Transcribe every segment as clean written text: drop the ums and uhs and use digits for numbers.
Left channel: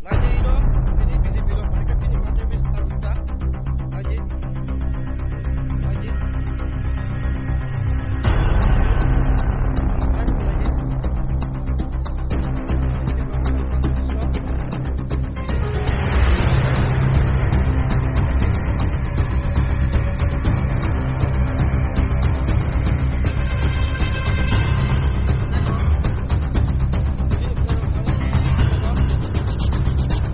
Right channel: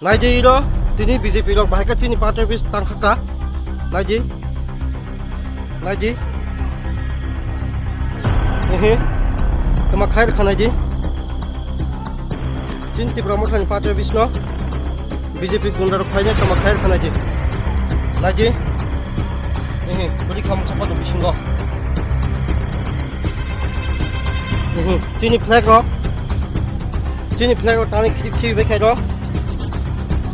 Naiji ro tini BJP rok bahai kachini party office tangkhaka Naiji tama khair khanaji cinti promote khani party office no BJP gunda rok khaina tama khair khanaji Naiji puri kham chapa bisingo tini flag rok tani khi bekai rok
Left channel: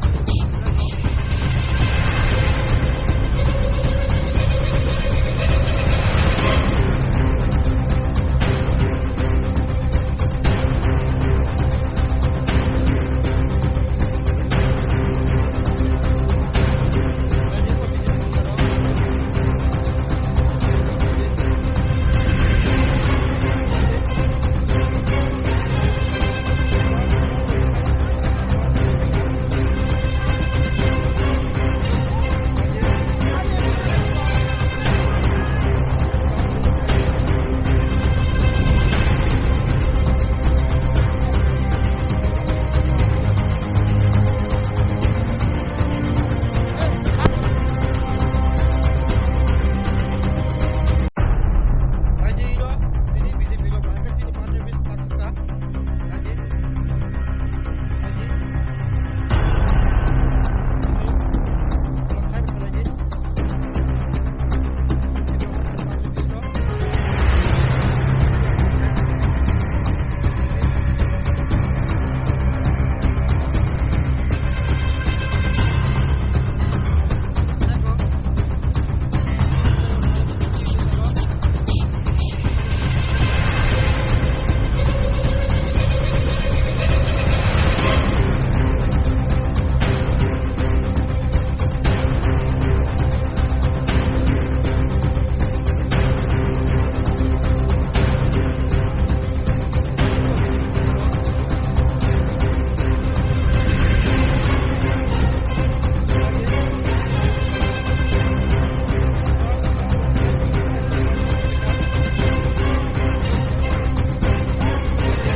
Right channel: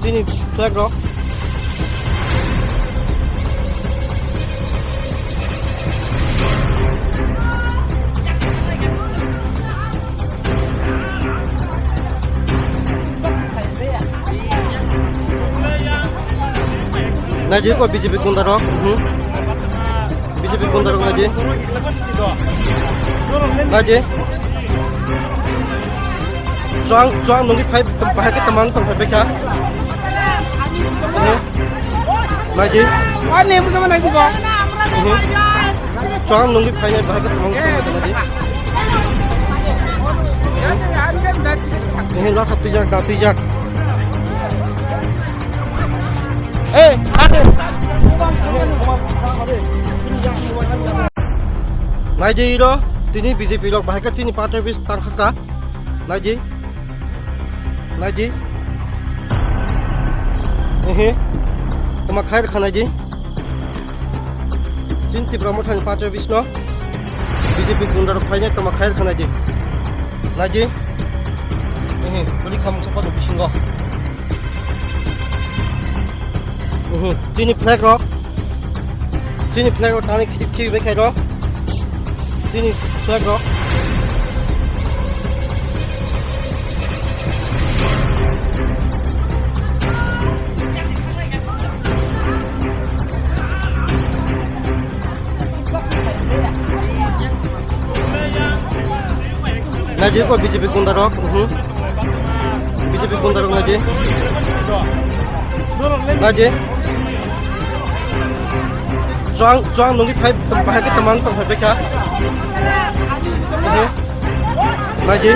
tini flag rok Naji ko BJP gunda rok BJP gunda rok Naji Chuang nungi phai bahai ka tamang tong beka Naji Ani mo sama Naji ko. Chuang nungi phai bahai ka tamang Naji la katijak Naiji ro tini BJP rok bahai kachini party office tangkhaka Naiji tama khair khanaji cinti promote khani party office no BJP gunda rok khaina tama khair khanaji Naiji puri kham chapa bisingo tini flag rok tani khi bekai rok tini flag rok Naji ko BJP gunda rok Naji Chuang nungi phai bahai ka tamang tong beka Naji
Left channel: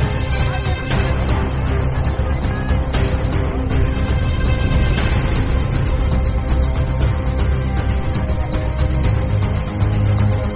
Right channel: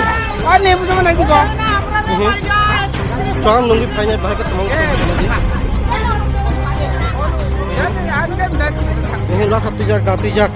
Ani mo sama Naji ko. Chuang nungi phai bahai ka tamang la katijak